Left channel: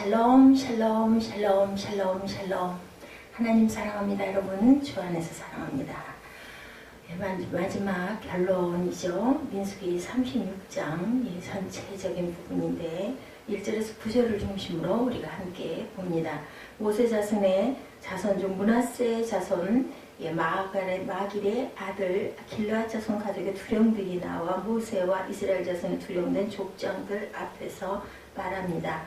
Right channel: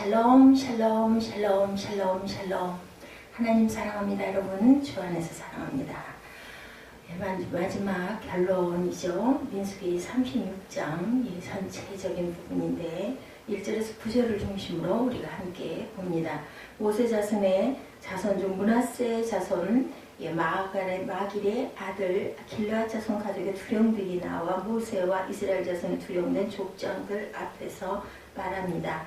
샬롬 샬롬 샬롬 샬롬 샬롬. 하나님 사랑합니다. 여러분 주 안에서 사랑합니다. 마지막 결론이죠. 민수기 36장 전체적인 부분인데 1절에서 9절을 중심으로 우리가 함께 봅니다. 모세 자손의 자손 중 므낫세 자손 마길의 아들 길르앗 자손 가족의 두령들이 나와 모세와 이스라엘 자손의 두령된 족장들 앞에서 말합니다.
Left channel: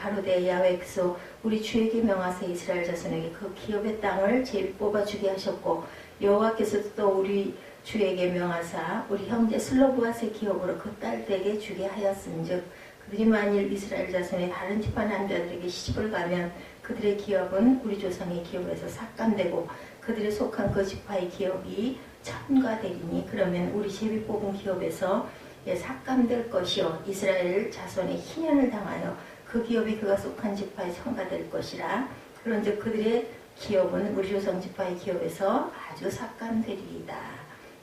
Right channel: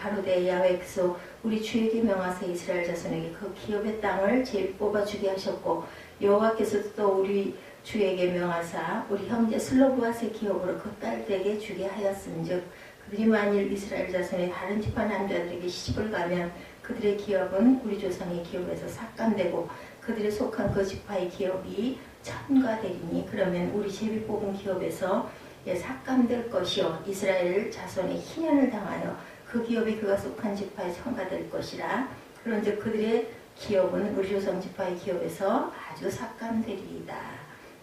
가로되 야훼께서 우리 주에게 명하사 이스라엘 자손에게 그 기업의 땅을 제일 뽑아주게 하셨고, 여호와께서 또 우리 주에게 명하사 우리 형제 슬로브앗의 기업으로 그 딸들에게 주게 하였은즉, 그들이 만일 이스라엘 자손의 다른 지파 남자들에게 시집을 가면 그들의 기업은 우리 조상의 기업에서 삭감되고 그들의 속한 그 지파의 기업이 첨가되리니, 그러면 우리 제비 뽑은 기업에서 삭감될 것이요 이스라엘 자손의 희년을 당하여 그 기업이 그가 속한 지파에 첨가될 것이라. 그런즉 그들의 기업은 우리 조상 지파의 기업에서 아주 삭감되리이다.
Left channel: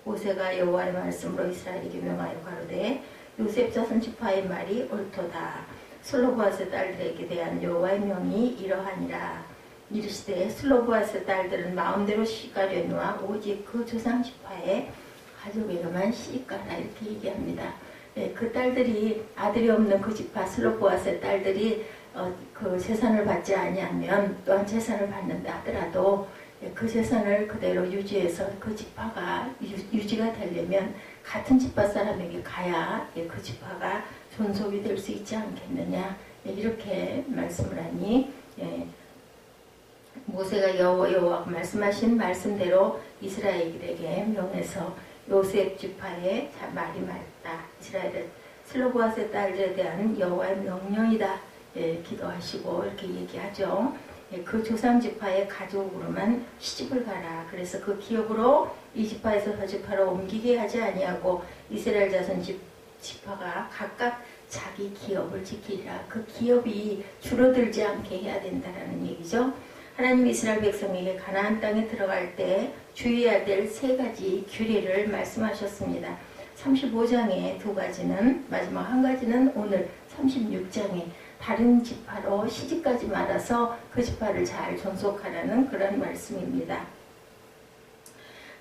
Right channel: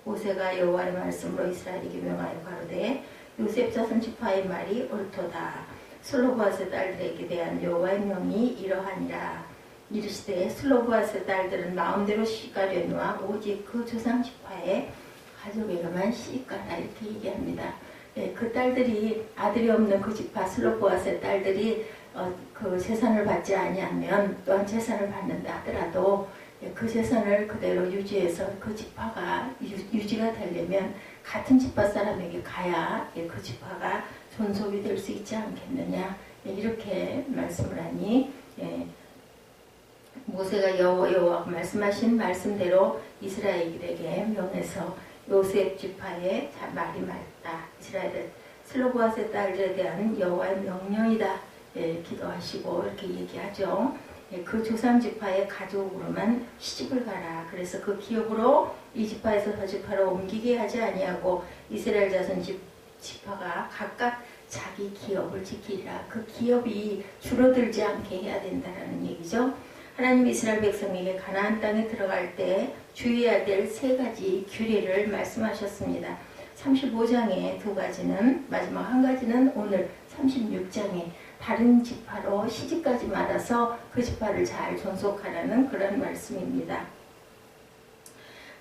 모세가 여호와의 말씀으로 이스라엘에게 명하여 가로되 요셉 자손 지파의 말이 옳도다. 슬로브앗의 딸들에게 대한 여호와의 명이 이러하니라. 이르시되 슬로브앗의 딸들은 마음대로 시집가려니와 오직 그 조상 지파의 가족에게만 시집가라, 이렇게 얘기합니다. 그 딸들이 아들이 없는 그 지파 슬로브앗의 딸들이 그 재산을 받지 아니하면, 또한 재산을 받는다 하더라도 그 재산을 그대로 유지해서 그 지파가 유지가 되려면 같은 지파 사람에게 가야 그 지파가 존속이 될 수 있지 않겠느냐, 이렇게 말씀을 하니, 모세가 여호와가 말씀하신 말씀대로 이스라엘에게 명해서 요셉 지파의 말이 맞다, 이스라엘의 슬로브앗의 딸들에 대한 여호와의 명령이다, 기도하시고 이렇게 얘기하죠. 그 조상 지파의 가족으로만 시집을 가라. 그래서 그 기업으로 이 지파에서 저 지파로 옮기게 하지 아니하고 이스라엘 자손 지파가 각각 자기 기업을 지키리라. 그 기업이 줄어들지 않게 해야 된다는 얘기죠. 하나님 이스라엘 백성에게 가나안 땅에 들어갈 때 주의해야 될 세 가지 규례를 말씀하셨습니다. 35장에 두 가지는, 마지막 한 가지는 오늘 36장에 다른 지파로 시집가지 말아서 그 지파를 잘 존속하라는 그런 말씀입니다.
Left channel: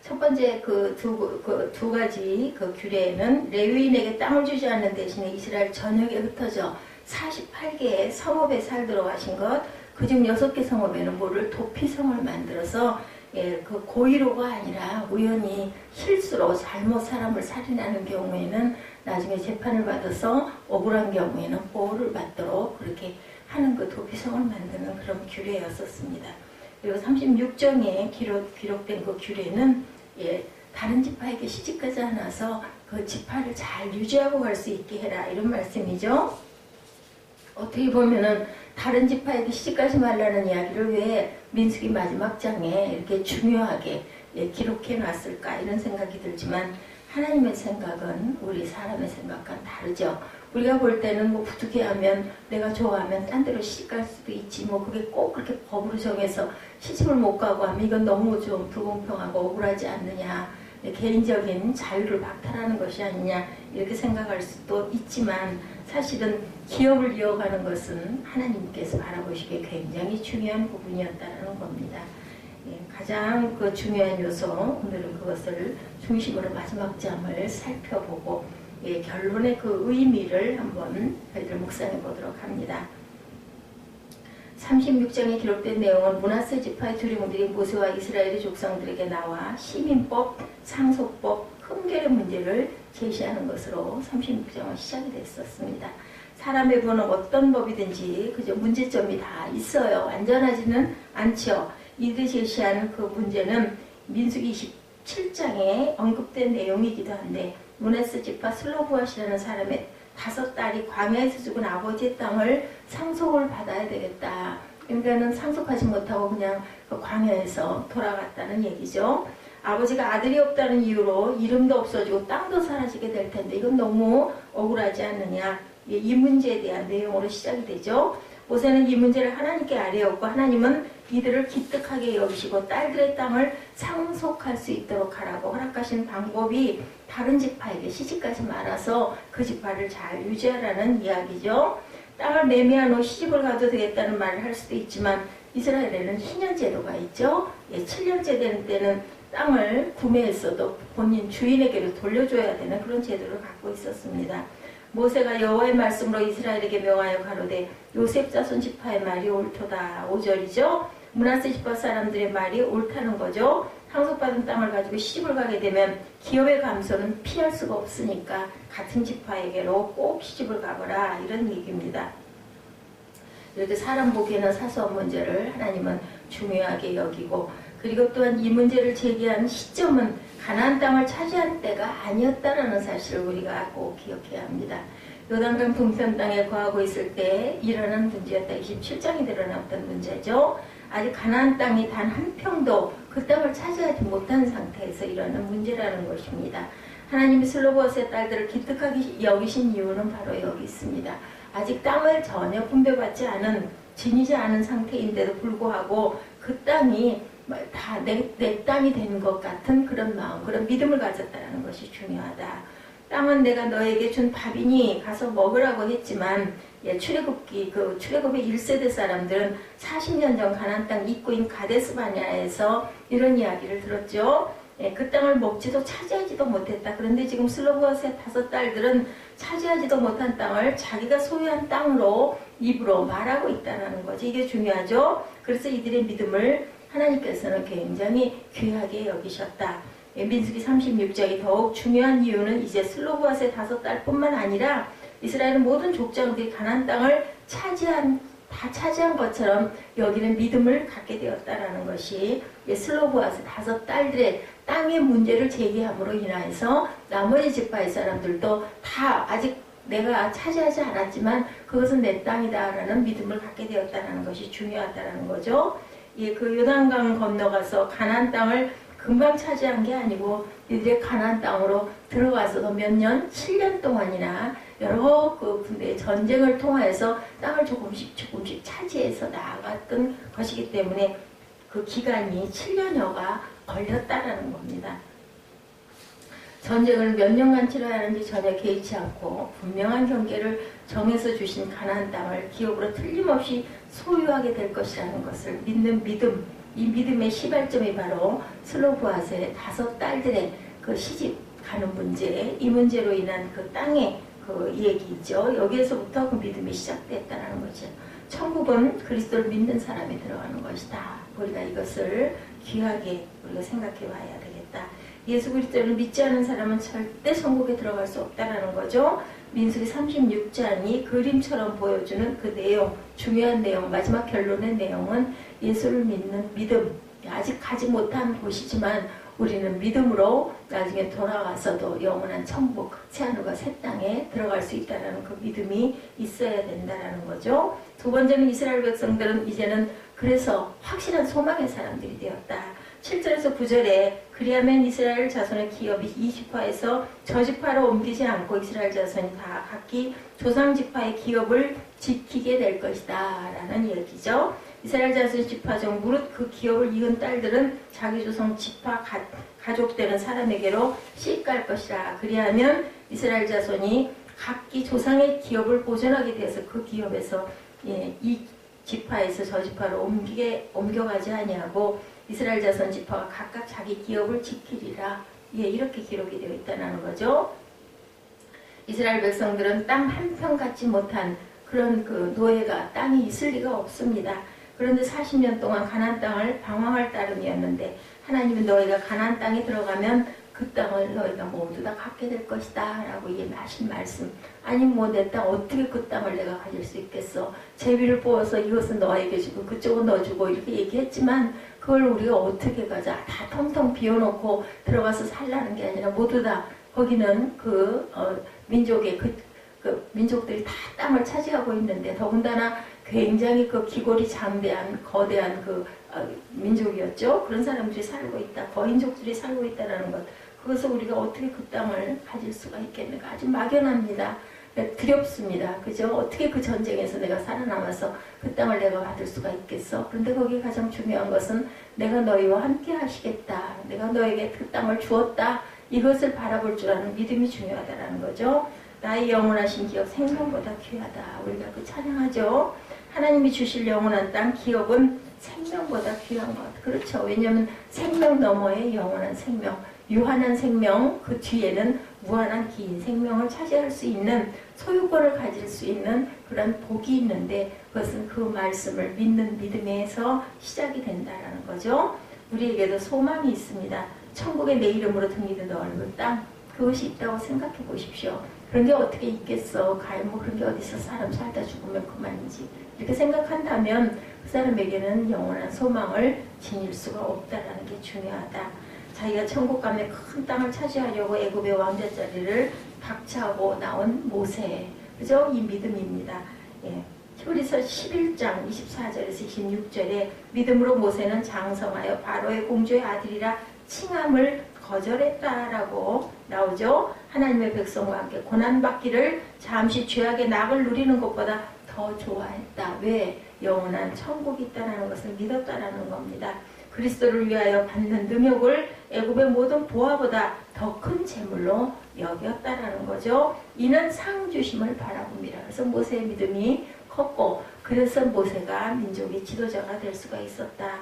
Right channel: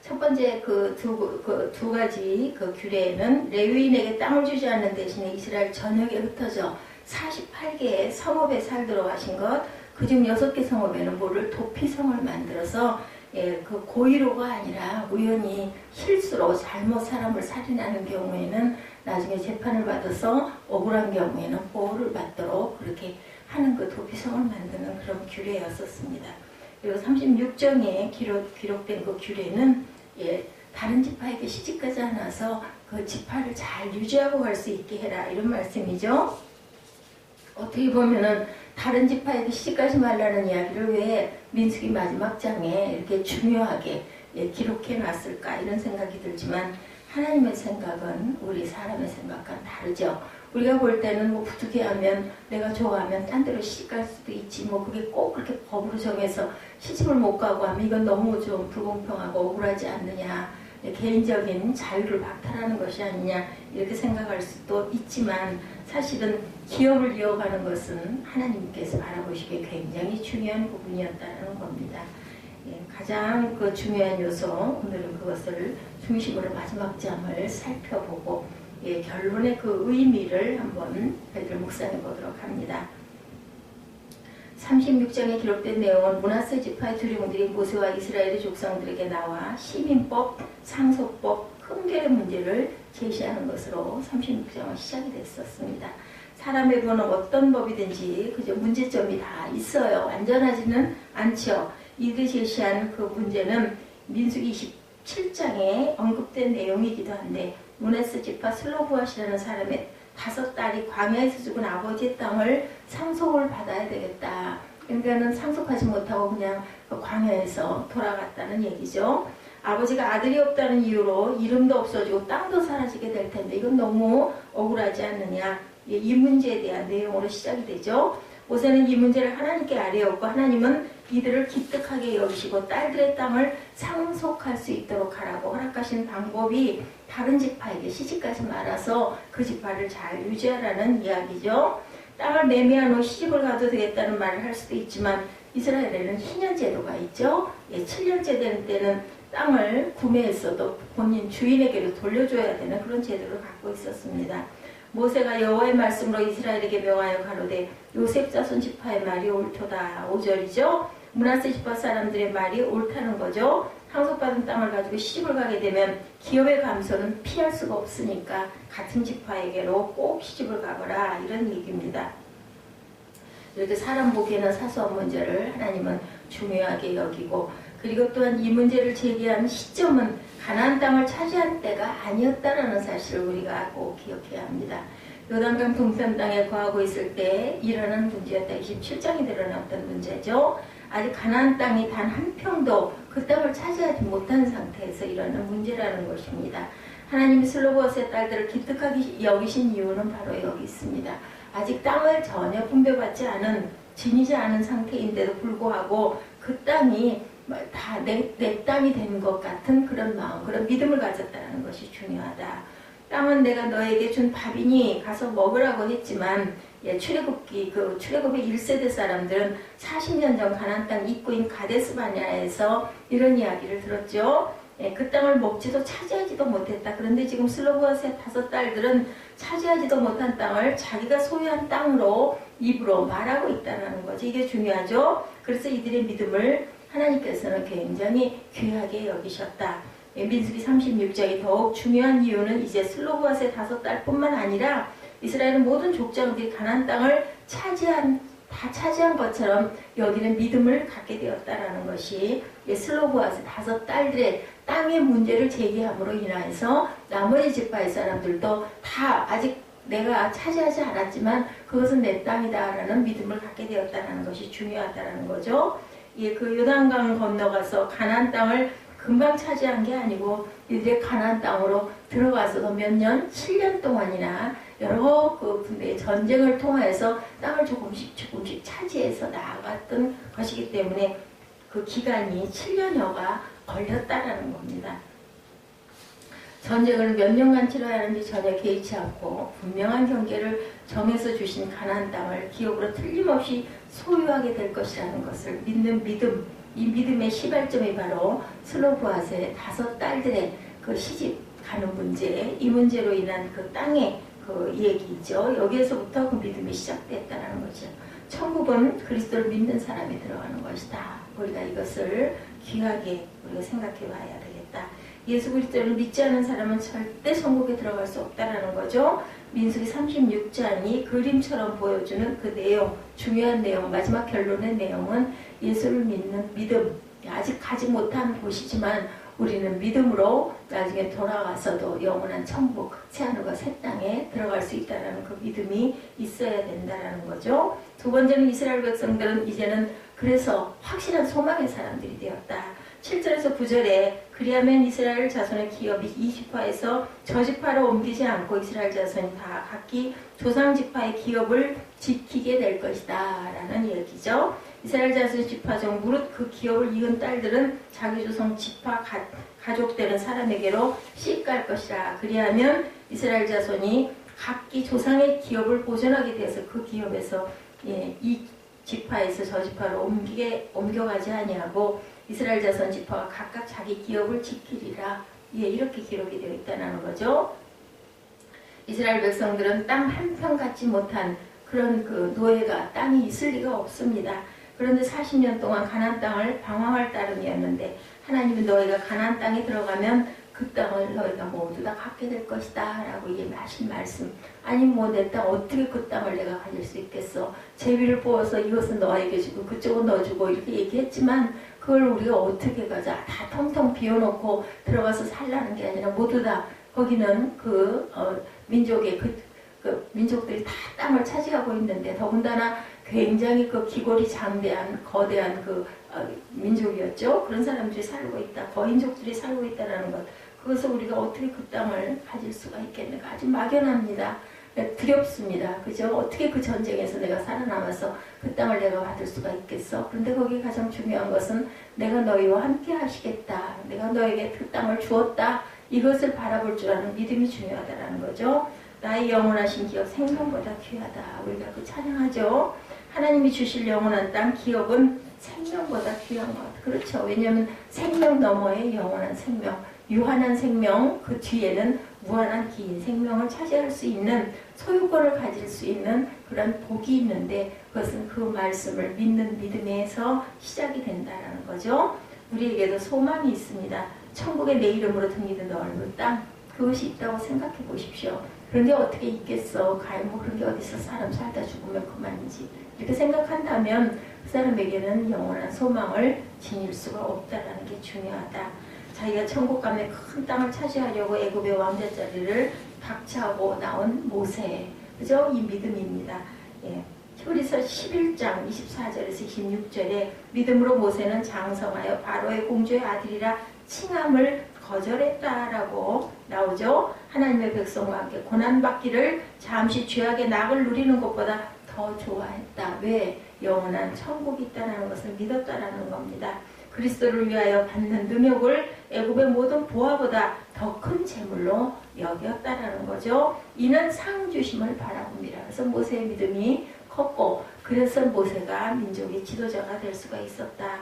첫 번째 그 두 가지 그 규례에는 레위인에게 땅을 주지 않는 대신에 이스라엘 전역에 흩어져 48개의 성읍에 살도록 하신 것, 그중 6개 성읍에는 뭐를 도피성을 만들어서 그 고의로가 아니라 우연히 실수로 잘못 사람을 살인하는 경우에는 나중에 재판을 받아서 억울한 경우에는 보호를 받도록 그렇게 하는 그 도피성을 만드는 그런 규례였었습니다. 그리고 36장에 기록된 그 규례는 다른 지파에게 시집가지 않아서 그 지파를 잘 유지하고 갈 수 있게 해라, 이런 말씀이죠. 어떻게 보면은 다른 지파에게 시집가지 말라는 이야기를 왜 민수기 마지막 장에 이렇게 중요하게 기록해 놨을까, 이런 생각이 들지만 하나님의 생각은 우리 사람의 생각과는 다르죠. 우리가 볼 때는 뭐 부득이하면 내가 좋아하면 딴 데로 시집갈 수도 있지, 뭐 그게 꼭 그렇게 법으로 정해서 시집을 못 가고 하면 이건 너무 좀 불공평하고 억울하지 않느냐, 개인적인 자유를 박탈하는 것이 아니냐, 이렇게 생각할 수도 있지만 사실은 기업을 이어가는 것은 하나님께서 바라보시기에 굉장히 중요한 부분이었다는 겁니다. 가장 그 중요한 요소, 오늘은 그것을 중심으로 마지막 장을 살펴보고 결론의 그 의미를 한번 저희들 묵상해 보도록 합니다. 36장에 기록된 내용은 므낫세 지파의 두령들이 모세와 이스라엘의 족장들에게 나와 시민법, 상속법, 흥결의 문제를 제시하는 것으로 36장은 시작이 됐었습니다. 사람의 보는 어떤 법이든지 그저 문제점이 다 있어요. 완전하지는 않죠. 이들이 제시한 그 문제는 민수기 27장에 언급된 내용이기도 한데, 므낫세 지파 슬로브앗이라는 사람의 5딸이 광야에서 죽은 아버지의 땅을 상속을 받아야 되겠다. 그러니까는 상속하지 못하고 그냥 그 광야에서 돌아갔다는 얘기죠. 아버지가 아들이 없다는 이유로 이름도 없어지고 땅도 사라지게 될 텐데 이건 너무 억울하지 않느냐, 이 문제에 대한 내용으로 시작이 되죠. 모세는 이 문제를 하나님께 아뢰었고, 하나님은 이들을 기특하게 여기시고 딸들의 땅을 상속할 수 있도록 하라고 허락하신 방법이 다른 지파에게 시집가지 말아서 그 지파를 잘 유지하라는 이야기죠. 땅을 매매하고 시집을 가도 되겠다는 말을 할 수도 있지만 이스라엘에는 희년 제도가 있죠. 7년째 되는 때는 땅을 구매했어도 본인 주인에게로 돌려줘야 되는 그런 제도를 갖고 있었습니다. 모세가 여호와의 말씀으로 이스라엘에게 명하여 가로되 요셉 자손 지파의 말이 옳도다. 5절이죠. 므낫세 지파 사람들의 말이 옳다는 거죠. 상속받은 땅을 가지고 시집을 가게 되면 기업의 감소는 피할 수가 없으니까 같은 지파에게로 꼭 시집을 가거라, 이런 얘기입니다. 이렇게 사람 보기에는 사소한 문제를 하나님은 중요하게 여기고, 그리고 또한 이 문제를 제기한 시점은 가나안 땅을 차지한 때가 아니었다라는 사실을 우리가 꼭 기억해야 합니다. 요단강 동편 땅에 거하고 있을 때 일어난 문제였다. 27장이 드러났던 문제죠. 아직 가나안 땅이 단 한 평도 그 땅을 차지하지 못한 상태에서 일어나는 문제라는 것입니다. 하나님이 슬로보아스의 딸들을 기특하게 여기신 이유는 바로 여기 있습니다. 아직 땅을 전혀 분배받지 않은, 지니지 않은 상태인데도 불구하고 그 땅이 다 내 땅이 된 것 같은 그런 마음, 그런 믿음을 가졌다는 것이 중요하다. 땅은 내가 너에게 준 밥이니 가서 먹으라고 했지만, 출애굽의 1세대 사람들은 40년 전 가나안 땅 입구인 가데스 바네아에서 이런 이야기를 들었죠. 그 땅을 먹지도 차지하지도 못했다. 그런데 지금 슬로보아스의 5딸들은 차지하지도 못한 땅을 자기가 소유한 땅으로 입으로 말하고 있다는 거지. 이게 중요하죠. 그래서 이들의 믿음을 하나님께서는 굉장히 귀하게 여기셨다. 민수기 36장이 더욱 중요한 이유는 이제 슬로보아스의 5딸뿐만 아니라 이스라엘의 모든 족장들이 가나안 땅을 다 차지한 것처럼 여기는 믿음을 갖게 되었다라는 것이, 슬로보아스 5딸들의 땅의 문제를 제기함으로 인해서 나머지 지파의 사람들도 다 아직 내가 차지하지 않았지만 그것은 내 땅이다라는 믿음을 갖게 되었다는 것이 중요하다는 거죠. 그 요단강 건너가서 가나안 땅을 금방 차지한 게 아니고 이들의 가나안 땅으로 들어가서도 몇 년, 7년 동안이나 여러 군대의 전쟁을 통해서 땅을 조금씩 차지해서 나아갔던 것이기 때문에 그 기간이 7년여가 걸렸다라는 겁니다. 전쟁을 몇 년간 치러야 하는지 전혀 개의치 않고 분명한 경계를 정해서 주신 가나안 땅을 기업으로 틀림없이 소유하게 될 것이라는 것을 믿는 믿음, 이 믿음의 시발점이 바로 슬로보아스의 5딸들의 그 시집 가는 문제, 이 문제로 인한 그 땅의 그 얘기죠. 여기에서부터 그 믿음이 시작됐다는 거죠. 천국은 그리스도를 믿는 사람이 들어가는 것이다. 우리가 이것을 귀하게 우리가 생각해 봐야 되겠다. 예수 그리스도를 믿지 않은 사람은 절대 천국에 들어갈 수 없다라는 거죠. 민수기 36장이 그림처럼 보여주는 그 내용, 중요한 내용, 마지막 결론의 내용은 예수를 믿는 믿음, 아직 가지 못한 곳이지만 우리는 믿음으로 나중에 돌아가서도 영원한 천국, 새하늘과 새 땅에 들어갈 수 있다는 그 믿음이 있어야 된다는 거죠. 두 번째는 이스라엘 백성들은 이제는 그래서 확실한 소망의 사람들이 되었다. 7절에서 9절에 그리하면 이스라엘 자손의 기업이 이 지파에서 저 지파로 옮기지 않고 이스라엘 자손이 다 각기 조상 지파의 기업을 지키게 될 것이다 라는 얘기죠. 이스라엘 자손 지파 중 무릇 그 기업을 이은 딸들은 자기 조상 지파 가족되는 사람에게로 씩갈 것이라. 그리하면 이스라엘 자손이 각기 조상의 기업을 보존하게 되어서 그 기업에서 이 지파에서 저 지파로 옮겨가지 아니하고 이스라엘 자손 지파가 각각 자기 기업을 지키리라. 이렇게 기록이 되어 있다는 거죠. 이스라엘 백성들은 땅 한 평 갖지 못한 그런 그 노예가 땅이 있을 리가 없습니다. 그런데 40년 동안 가나안 땅을 방황할 따름이었는데 하나님은 너희가 가나안 땅에 들어가면 그 땅을 너희가 모두 다 갖게 될 것이다 라고 하신 말씀. 아니 내 땅 어떻게 그 땅을 내가 가질 수 있겠어. 제비를 뽑아서 이것은 너에게 주고 그쪽은 너 주고 이렇게 얘기했지만 그걸 우리가 어떻게 가자. 다 텅텅 비워놓고 들어가서 살라는 게 아니라 모두 다 거기는 민족의 민족들이 다 땅을 차지하고 있는데 더군다나 굉장히 그 기골이 장대한 거대한 민족이었죠. 그런 사람들이 살고 있다. 거인족들이 살고 있다는 것. 그것을 우리가 어떻게 그 땅을 가질 수가 있겠는가. 아주 막연합니다. 두렵습니다. 그죠? 어떻게 그 전쟁에서 내가 살아남아서 그 땅을 내가 받을 수가 있겠어? 그런데 거기 가장 중요한 것은 내가 너희와 함께 하시겠다. 내가 너에게 그 땅을 주었다. 이것을 바라볼 줄 아는 믿음이 중요하다는 거죠. 나의 영원하신 기업 생명보다 귀하다. 우리가 그 찬양하죠. 하나님이 주실 영원한 땅 기업은 생명보다 귀한 것. 그렇죠. 왜냐하면 생명 너머의 영원한 생명, 유한한 생명, 그 뒤에는 무한한 긴 생명을 차지할 수 있는 소유권을 가질 수 있는 그런 복이 있는데 그것은 그 말씀을 믿는 믿음에서 시작이 된다는 거죠. 우리에게도 소망이 있습니다. 천국에 내 이름으로 등기된 넓은 땅, 그것이 있다고 생각해 보십시오. 그런 게 어떻게 있겠어. 과연 뭐 그런 게 어디서 사람 살다 죽으면 그만이지. 이렇게 생각한다면 그 사람에게는 영원한 소망을 지닐 수가 없다는 게 중요하다. 자기가 천국 가면 큰 땅을 차지하려고 애굽의 왕자 자리를 박차하고 나온 모세. 그죠? 이 믿음입니다. 예. 히브리서 11장 24절에서 26절에 믿음으로 모세는 장성하여 바로의 공주의 아들이라 칭함을 거절했다라고 나오죠. 하나님의 백성과 함께 고난받기를 잠시 죄악의 낙을 누리는 것보다 더 좋아했다. 왜? 영원한 천국이 있다는 것을 믿었다라는 겁니다. 그리스도를 위하여 받는 능욕을 애굽의 모든 보화보다 더 큰 재물로 여겼다라는 거죠. 이는 상 주심을 바라봅니다. 그래서 모세의 믿음이 컸고 그래서 모세가 민족의 지도자가 될 수가 있었다.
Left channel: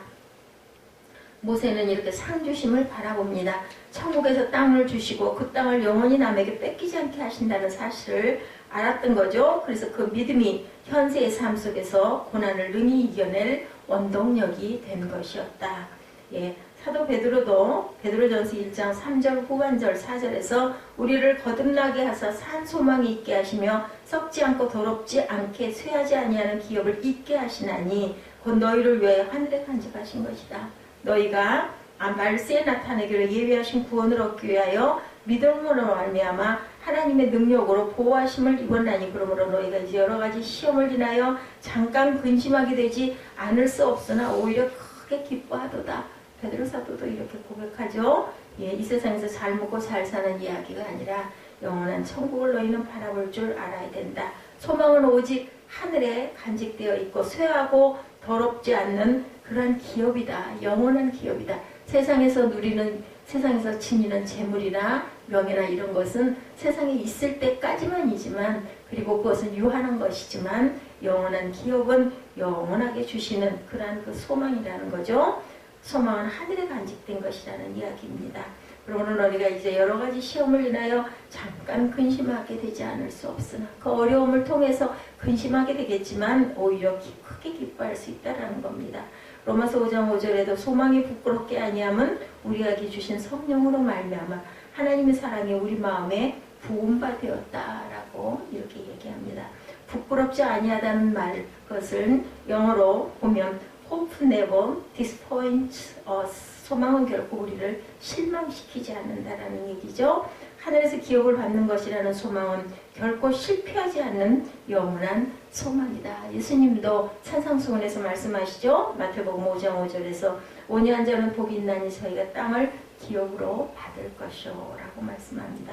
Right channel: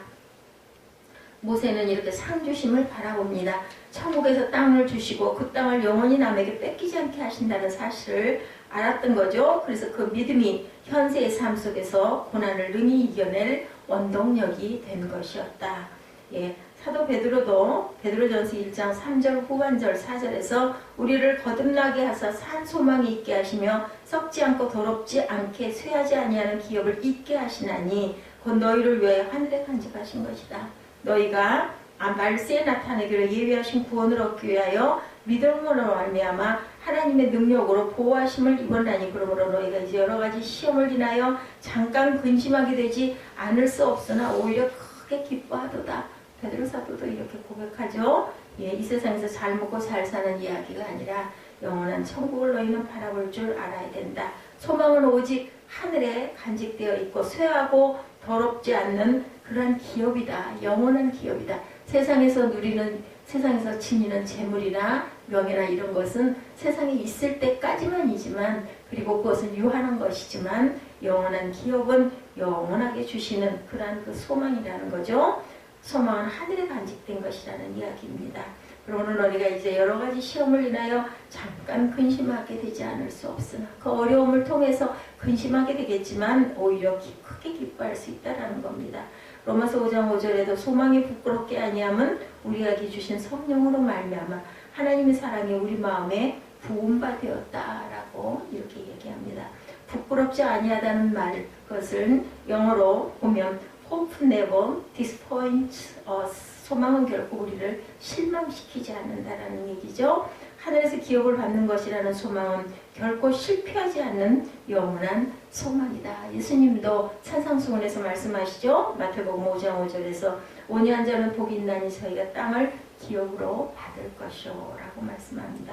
모세는 이렇게 상 주심을 바라봅니다. 천국에서 땅을 주시고 그 땅을 영원히 남에게 뺏기지 않게 하신다는 사실을 알았던 거죠. 그래서 그 믿음이 현세의 삶 속에서 고난을 능히 이겨낼 원동력이 된 것이었다. 예, 사도 베드로도 베드로전서 1장 3절 후반절 4절에서 우리를 거듭나게 하사 산 소망이 있게 하시며 썩지 않고 더럽지 않게 쇠하지 아니하는 기업을 있게 하시나니 곧 너희를 위해 하늘에 간직하신 것이다. 너희가 말세에 나타내기를 예비하신 구원을 얻기 위하여 믿음으로 말미암아 하나님의 능력으로 보호하심을 입었나니 그러므로 너희가 이제 여러 가지 시험을 인하여 잠깐 근심하게 되지 않을 수 없으나 오히려 크게 기뻐하도다. 베드로 사도도 이렇게 고백하죠. 예, 이 세상에서 잘 먹고 잘 사는 이야기가 아니라 영원한 천국을 너희는 바라볼 줄 알아야 된다. 소망은 오직 하늘에 간직되어 있고 쇠하고 더럽지 않는 그런 기업이다. 영원한 기업이다. 세상에서 지니는 재물이나 명예나 이런 것은 세상에 있을 때까지만이지만 그리고 그것은 유한한 것이지만 영원한 기업은 영원하게 주시는 그러한 그 소망이라는 거죠. 소망은 하늘에 간직된 것이라는 이야기입니다. 그러므로 너희가 이제 여러 가지 시험을 인하여 잠깐 근심하게 되지 않을 수 없으나 그 어려움을 통해서 근심하게 되겠지만 오히려 크게 기뻐할 수 있다는 겁니다. 로마서 5장 5절에도 소망이 부끄럽게 아니함은 우리에게 주신 성령으로 말미암아 하나님의 사랑이 우리 마음에 부은 바 되었다라고 이렇게 얘기합니다. 부끄럽지 아니하다는 말, 그것은 영어로 보면 hope never disappoints us. 소망은 결코 우리를 실망시키지 않는다라는 얘기죠. 하늘에서 기업을 받는 것이라는 소망은 결코 실패하지 않는 영원한 소망이다. 예수님도 산상수훈에서 말씀하시죠. 마태복음 5장 5절에서 온유한 자는 복이 있나니 저희가 땅을 기업으로 받을 것이요 라고 말씀합니다.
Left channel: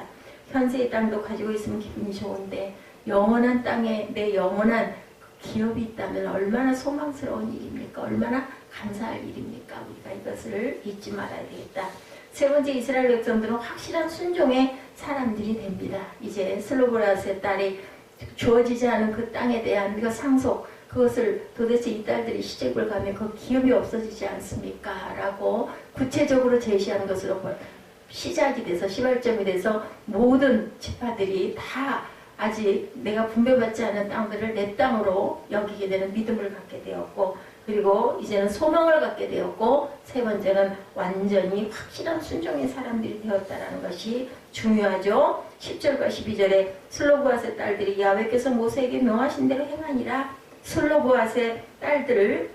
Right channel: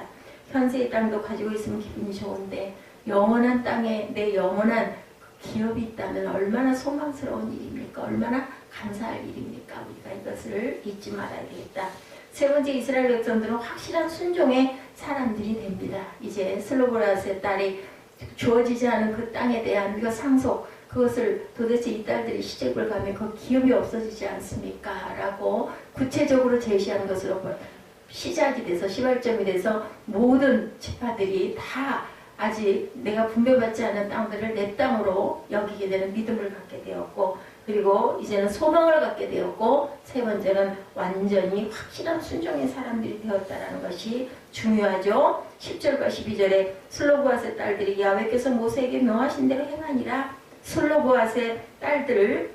현세의 땅도 가지고 있으면 기분이 좋은데 영원한 땅에 내 영원한 기업이 있다면 얼마나 소망스러운 일입니까? 얼마나 감사할 일입니까? 우리가 이것을 잊지 말아야 되겠다. 세 번째, 이스라엘 백성들은 확실한 순종의 사람들이 됩니다. 이제 슬로보라스의 딸이 주어지지 않은 그 땅에 대한 그 상속, 그것을 도대체 이 딸들이 시집을 가면 그 기업이 없어지지 않습니까? 라고 구체적으로 제시하는 것으로 시작이 돼서 시발점이 돼서 모든 지파들이 다 아직 내가 분배받지 않은 땅들을 내 땅으로 여기게 되는 믿음을 갖게 되었고 그리고 이제는 소망을 갖게 되었고 세 번째는 완전히 확실한 순종의 사람들이 되었다는 것이 중요하죠. 10절과 12절에 슬로보앗의 딸들이 야훼께서 모세에게 명하신 대로 행하니라. 슬로보앗의 딸들을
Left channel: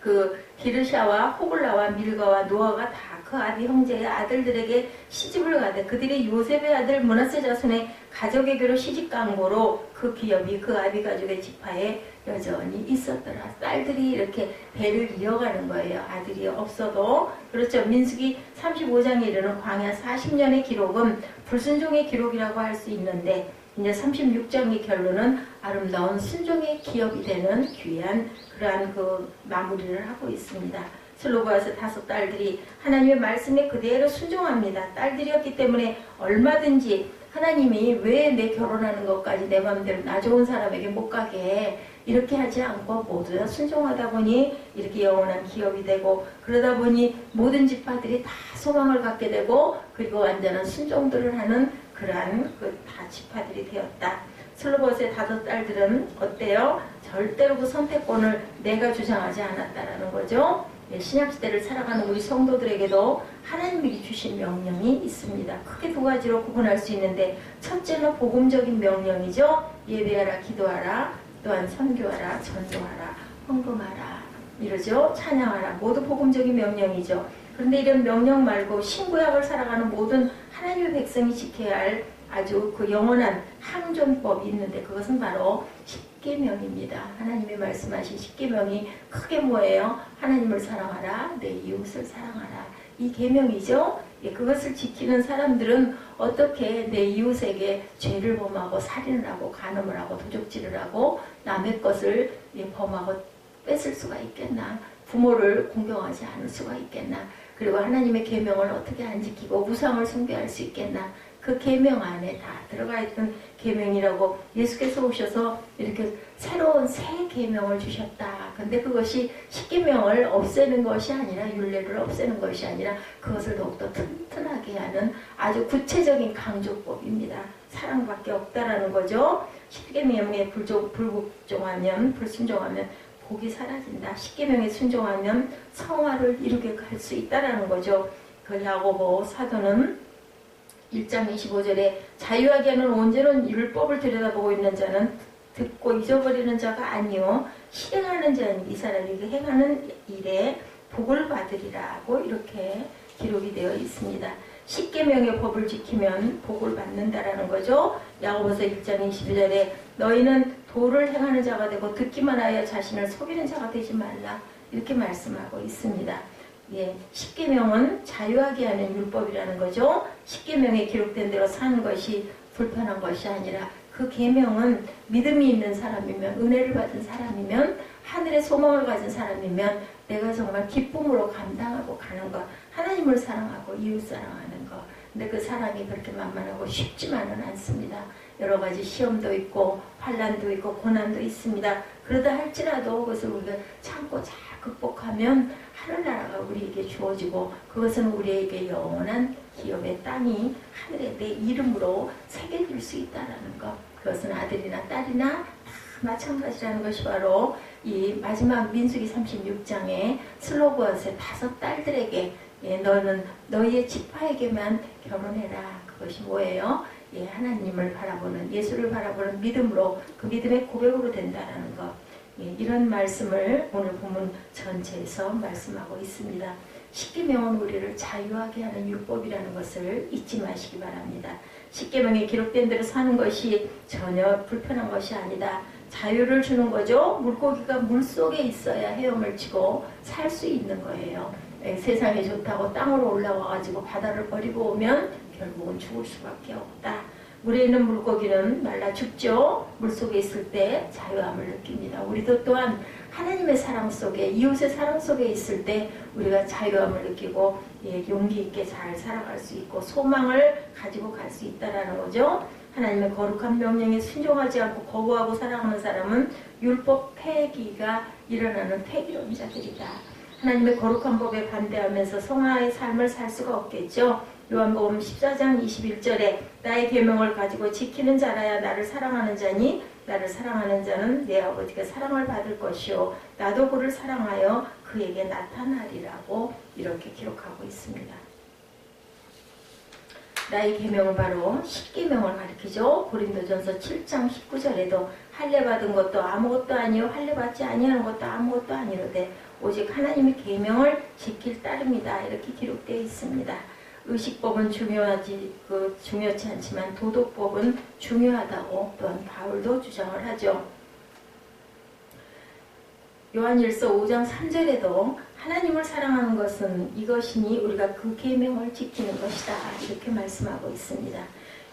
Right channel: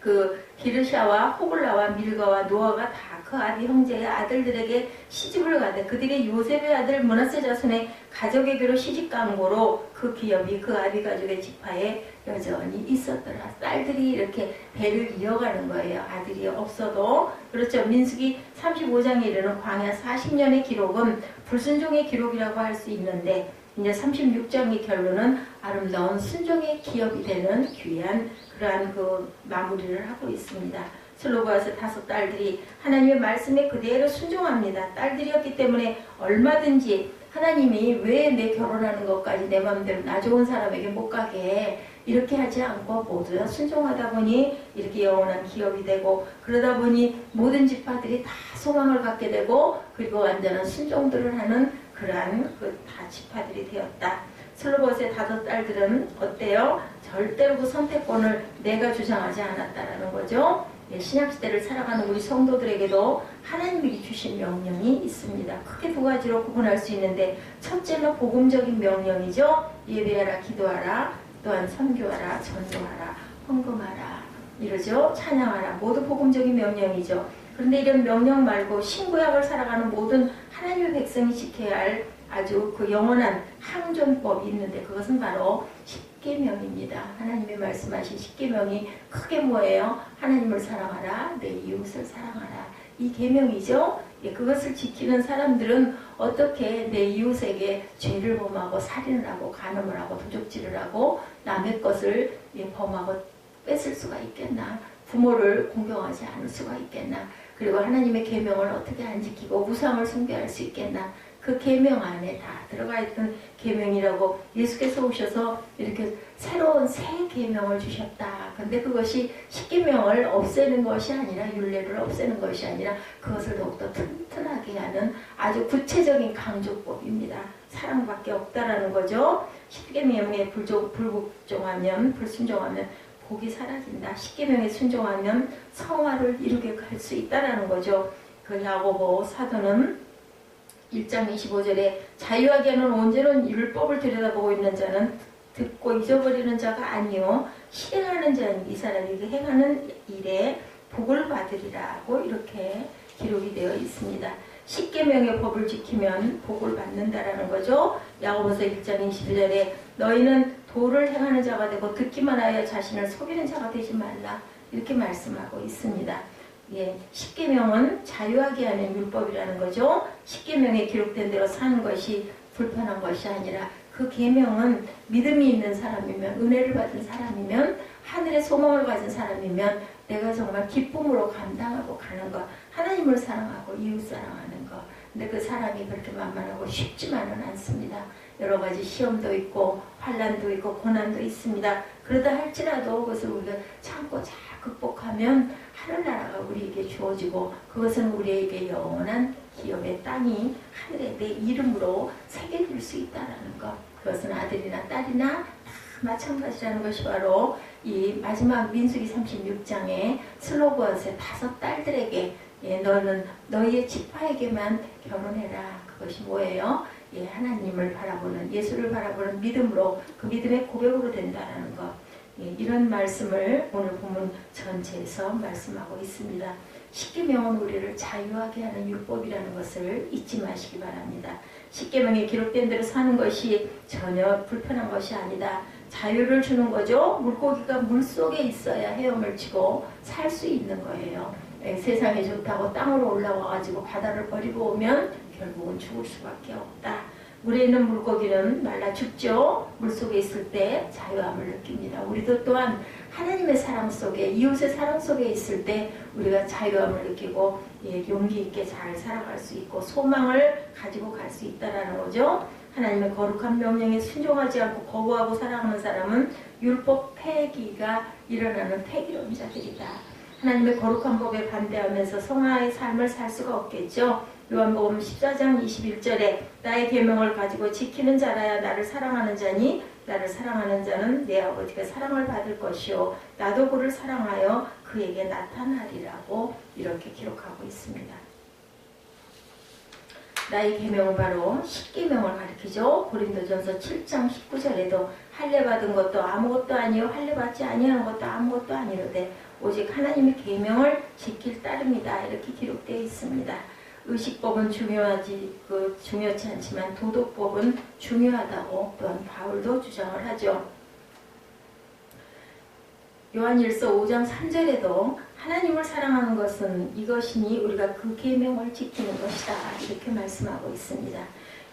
그 기르샤와 호글라와 밀가와 노아가 다 그 아비 형제의 아들들에게 시집을 가되 그들의 요셉의 아들 므낫세 자손의 가족에게로 시집 간 거로 그 기업이 그 아비 가족의 지파에 여전히 있었더라. 딸들이 이렇게 배를 이어가는 거예요. 아들이 없어도. 그렇죠. 민수기 35장에 이르는 광야 40년의 기록은 불순종의 기록이라고 할 수 있는데 이제 36장의 결론은 아름다운 순종의 기업이 되는 귀한 그러한 그 마무리를 하고 있습니다. 슬로보아스 5 딸들이 하나님의 말씀에 그대로 순종합니다. 딸들이었기 때문에 얼마든지 하나님이 왜 내 결혼하는 것까지 내 마음대로 나 좋은 사람에게 못 가게 해? 이렇게 하지 않고 모두 다 순종하다 보니 이렇게 영원한 기업이 되고, 그러다 보니 모든 지파들이 다 소망을 갖게 되고, 그리고 완전한 순종들을 하는 그러한 다 지파들이 되었다. 슬로봇의 5딸들은 어때요? 절대로 그 선택권을 내가 주장하지 않았다라는 거죠. 신약시대를 살아가는 우리 성도들에게도 하나님이 주신 명령이 있습니다. 크게 2가지로 구분할 수 있는데, 첫째는 복음적인 명령이죠. 예배하라, 기도하라, 또한 선교하라, 전도하라, 헌금하라, 이러죠. 찬양하라. 모두 복음적인 명령이죠. 그런데 이런 명령 말고 신구약을 살아가는 모든 하나님의 백성이 지켜야 할 아주 그 영원한 항존법이 있는데, 그것은 바로 십계명입니다. 하나님이 말씀하신 십계명이 크게 뭐예요? 하나님을 사랑하라, 내 이웃을 사랑하라. 이 계명이죠. 그것을 지키는 사람들은 어떻게 내 이웃에게 죄를 범하고 살인을 하고 간음을 하고 도적질을 하고 남의 것을 범하고 뺏을 수가 있겠나? 부모를 공경하지 않을 수가 있겠나? 그리고 하나님의 계명을 어떻게 안 지키고 우상을 숭배할 수 있겠나? 그 계명 안에 다 들어가 있던 계명이라고 예수께서 오셔서 이렇게 새로운 새 계명을 주셨다. 근데 그것이 십계명을 없애는 것이 아니라, 율례를 없애는 것이 아니라 그것을 더욱더 튼튼하게 하는 아주 구체적인 강조법입니다. 사랑밖에 없다라는 거죠. 십계명에 불순종하면 복이 사라진다. 십계명에 순종하면 성화를 이루게 갈 수 있다라는 거죠. 그 야고보 사도는 1장 25절에 자유하게 하는 온전한 율법을 들여다보고 있는 자는 듣고 잊어버리는 자가 아니요 실행하는 자니 이 사람이 그 행하는 일에 복을 받으리라고 이렇게 기록이 되어 있습니다. 십계명의 법을 지키면 복을 받는다라는 거죠. 야고보서 1장 22절에 너희는 도를 행하는 자가 되고 듣기만 하여 자신을 속이는 자가 되지 말라, 이렇게 말씀하고 있습니다. 십계명은 자유하게 하는 율법이라는 거죠. 십계명에 기록된 대로 사는 것이 불편한 것이 아니라, 그 계명은 믿음이 있는 사람이면, 은혜를 받은 사람이면, 하늘의 소망을 가진 사람이면 내가 정말 기쁨으로 감당하고 가는 것, 하나님을 사랑하고 이웃 사랑하는 것. 근데 그 사람이 그렇게 만만하고 쉽지만은 않습니다. 여러 가지 시험도 있고 환난도 있고 고난도 있습니다. 그러다 할지라도 그것을 우리가 참고 잘 극복하면 하늘나라가 우리에게 주어지고, 그것은 우리에게 영원한 기업의 땅이 하늘에 내 이름으로 새겨질 수 있다는 것. 그것은 아들이나 딸이나 다 마찬가지라는 것이 바로 이 마지막 민수기 36장에 슬로봇의 5딸들에게 너는 너희의 지파에게만 결혼해라. 그것이 뭐예요? 하나님을 바라보는, 예수를 바라보는 믿음으로, 그 믿음의 고백으로 된다는 것. 이런 말씀을 오늘 본문 전체에서 말씀하고 있습니다. 십계명은 우리를 자유하게 하는 율법이라는 것을 잊지 마시기 바랍니다. 십계명에 기록된 대로 사는 것이 전혀 불편한 것이 아니다. 자유를 주는 거죠. 물고기가 물속에 있어야 헤엄을 치고 살 수 있는 거예요. 세상에 좋다고 땅으로 올라와가지고 바다를 버리고 오면 결국은 죽을 수밖에 없다. 물에 있는 물고기는 말라 죽죠. 물속에 있을 때 자유함을 느낍니다. 우리도 또한 하나님의 사랑 속에, 이웃의 사랑 속에 있을 때 우리가 자유함을 느끼고 용기 있게 잘 살아갈 수 있고 소망을 가지고 갈 수 있다는 거죠. 하나님의 거룩한 명령에 순종하지 않고 거부하고 살아가는 사람은 율법 폐기가 일어나는 폐기론자들이다. 하나님의 거룩한 법에 반대하면서 성화의 삶을 살 수가 없겠죠. 요한복음 14장 21절에 나의 계명을 가지고 지키는 자라야 나를 사랑하는 자니 나를 사랑하는 자는 내 아버지가 사랑을 받을 것이요 나도 그를 사랑하여 그에게 나타나리라고 이렇게 기록하고 있습니다. 나의 계명은 바로 십계명을 가리키죠. 고린도전서 7장 19절에도 할례 받은 것도 아무것도 아니요 할례 받지 아니하는 것도 아무것도 아니로되 오직 하나님의 계명을 지킬 따름이다, 이렇게 기록되어 있습니다. 의식법은 중요치 않지만 도덕법은 중요하다고 또한 바울도 주장을 하죠. 요한일서 5장 3절에도 하나님을 사랑하는 것은 이것이니 우리가 그 계명을 지키는 것이다, 이렇게 말씀하고 있습니다.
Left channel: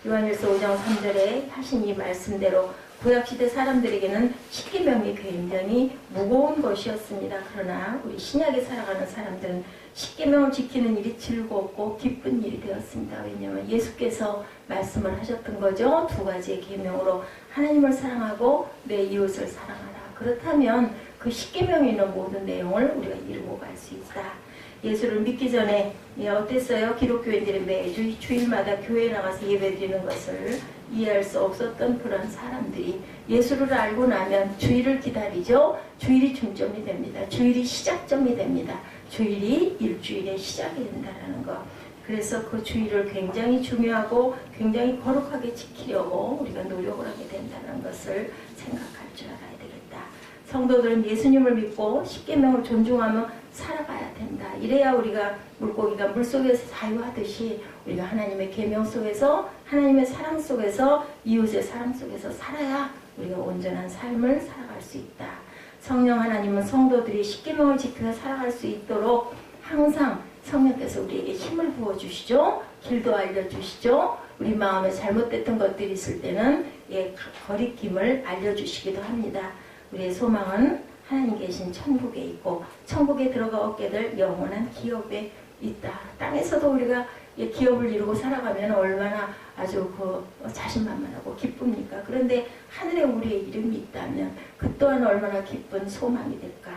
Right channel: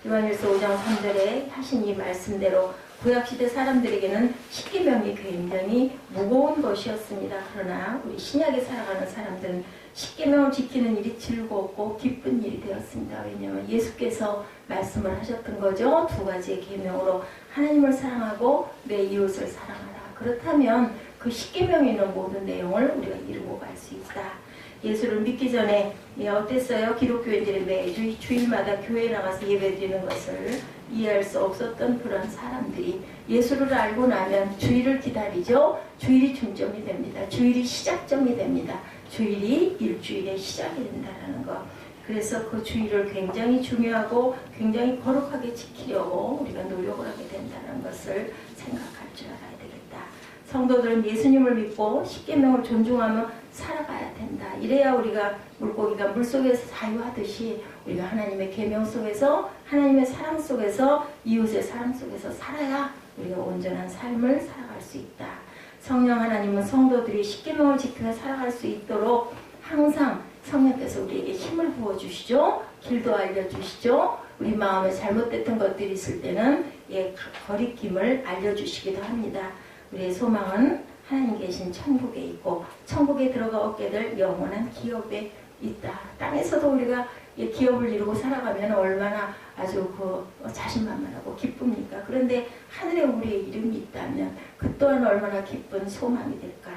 요한일서 5장 3절에 하신 이 말씀대로 구약시대 사람들에게는 십계명이 굉장히 무거운 것이었습니다. 그러나 우리 신약에 살아가는 사람들은 십계명을 지키는 일이 즐겁고 기쁜 일이 되었습니다. 왜냐하면 예수께서 말씀을 하셨던 거죠. 두 가지의 계명으로 하나님을 사랑하고 내 이웃을 사랑하라. 그렇다면 그 십계명에 있는 모든 내용을 우리가 이루고 갈 수 있다. 예수를 믿기 전에 어땠어요? 기독교인들이 매주 주일마다 교회에 나가서 예배드리는 것을 이해할 수 없었던 그런 사람들이 예수를 알고 나면 주일을 기다리죠. 주일이 중점이 됩니다. 주일이 시작점이 됩니다. 주일이 일주일의 시작이 된다는 것. 그래서 그 주일을 굉장히 중요하고 굉장히 거룩하게 지키려고 우리가 노력을 하게 된다는 것을 생각할 줄 알아야 되겠다. 성도들은 예수님을 믿고 십계명을 존중하며 살아가야 된다. 이래야 우리가 물고기가 물속에서 자유하듯이 우리가 하나님의 계명 속에서 하나님의 사랑 속에서 이웃의 사랑 속에서 살아야 우리가 온전한 삶을 살아갈 수 있다. 성령 하나님은 성도들이 십계명을 지켜 살아갈 수 있도록 항상 성령께서 우리에게 힘을 부어주시죠. 길도 알려주시죠. 우리 마음에 잘못됐던 것들이 있을 때는 거리낌을 알려주시기도 합니다. 우리의 소망은 하나님 계신 천국에 있고 천국에 들어가 얻게 될 영원한 기업에 있다. 땅에서도 우리가 기업을 이루고 살아가면 얼마나 아주 자신만만하고 기쁩니까? 그런데 하늘에 우리의 이름이 있다면 그 또한 얼마나 기쁜 소망이 될까?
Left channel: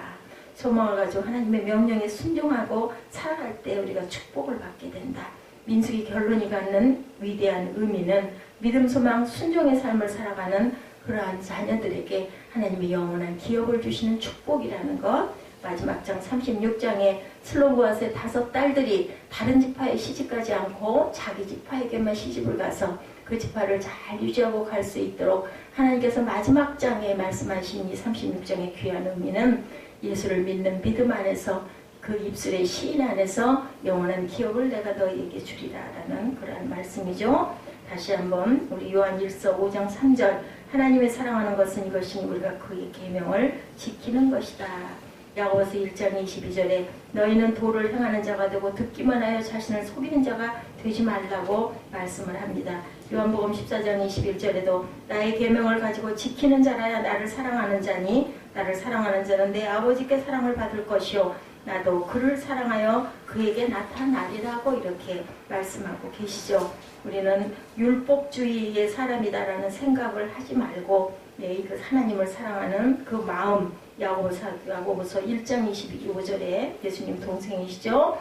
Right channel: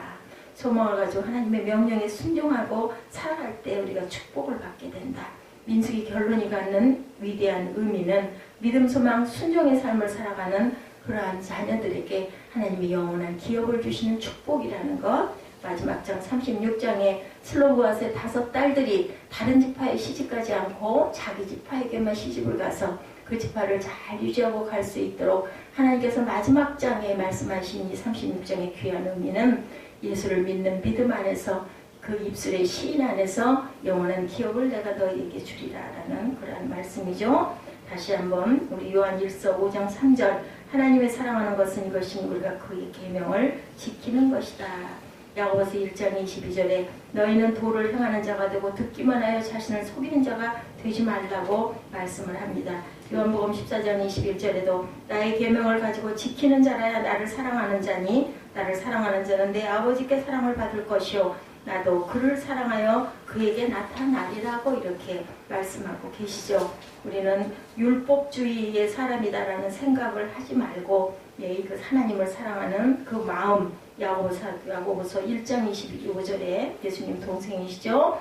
소망을 가지고 하나님의 명령에 순종하고 살아갈 때 우리가 축복을 받게 된다. 민수기 결론이 갖는 위대한 의미는 믿음, 소망, 순종의 삶을 살아가는 그러한 자녀들에게 하나님의 영원한 기업을 주시는 축복이라는 것. 마지막 장 36장에 슬로브아스의 5 딸들이 다른 지파에 시집가지 않고 자기 지파에게만 시집을 가서 그 지파를 잘 유지하고 갈 수 있도록 하나님께서 마지막 장에 말씀하신 이 36장의 귀한 의미는 예수를 믿는 믿음 안에서 그 입술의 시인 안에서 영원한 기업을 내가 너희에게 주리라 라는 그러한 말씀이죠. 다시 한번 우리 요한일서 5장 3절 하나님의 사랑하는 것은 이것이니 우리가 그의 계명을 지키는 것이다. 야고보서 1장 22절에 너희는 도를 행하는 자가 되고 듣기만 하여 자신을 속이는 자가 되지 말라고 말씀을 합니다. 요한복음 14장 21절에도 나의 계명을 가지고 지키는 자라야 나를 사랑하는 자니 나를 사랑하는 자는 내 아버지께 사랑을 받을 것이요 나도 그를 사랑하여 그에게 나타나리라고 이렇게 말씀하고 계시죠. 우리는 율법주의의 사람이다라는 생각을 하지 말고 그 하나님을 사랑하는 그 마음 야고보서 1장 25절에 예수님 동생이시죠.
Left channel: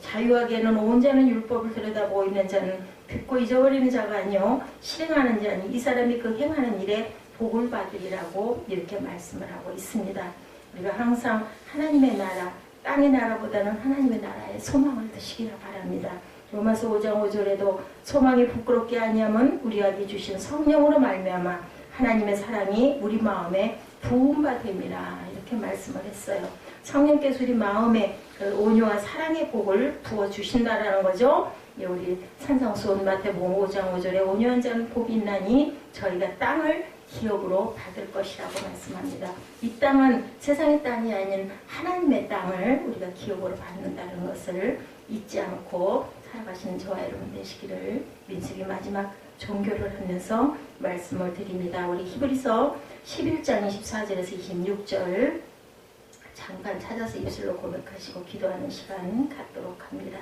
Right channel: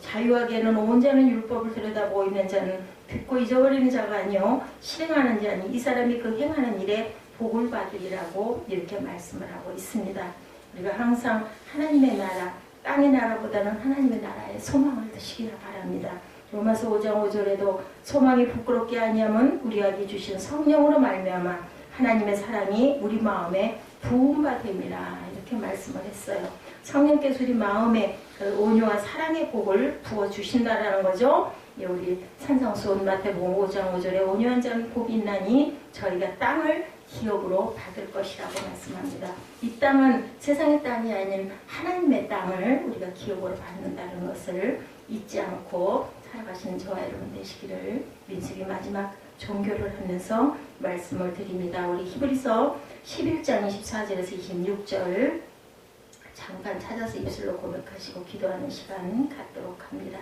자유하게는 온 자는 율법을 들여다보고 있는 자는 듣고 잊어버리는 자가 아니요 실행하는 자니 이 사람이 그 행하는 일에 복을 받으리라고 이렇게 말씀을 하고 있습니다. 우리가 항상 하나님의 나라 땅의 나라보다는 하나님의 나라에 소망을 두시기를 바랍니다. 로마서 5장 5절에도 소망이 부끄럽게 아니하면 우리에게 주신 성령으로 말미암아 하나님의 사랑이 우리 마음에 부음바 됨이라 이렇게 말씀을 했어요. 성령께서 우리 마음에 온유와 사랑의 복을 부어주신다라는 거죠. 우리 산상수훈 마태복음 5장 5절에 온유한 자는 복이 있나니 저희가 땅을 기업으로 받을 것이라고 말씀합니다. 이 땅은 세상의 땅이 아닌 하나님의 땅을 우리가 기업으로 받는다는 것을 잊지 않고 살아가시는 저와 여러분 되시기를 민수기 마지막 종교를 하면서 말씀을 드립니다. 우리 히브리서 11장 24절에서 26절 잠깐 찾아서 입술로 고백하시고 기도하는 시간 갖도록 합니다.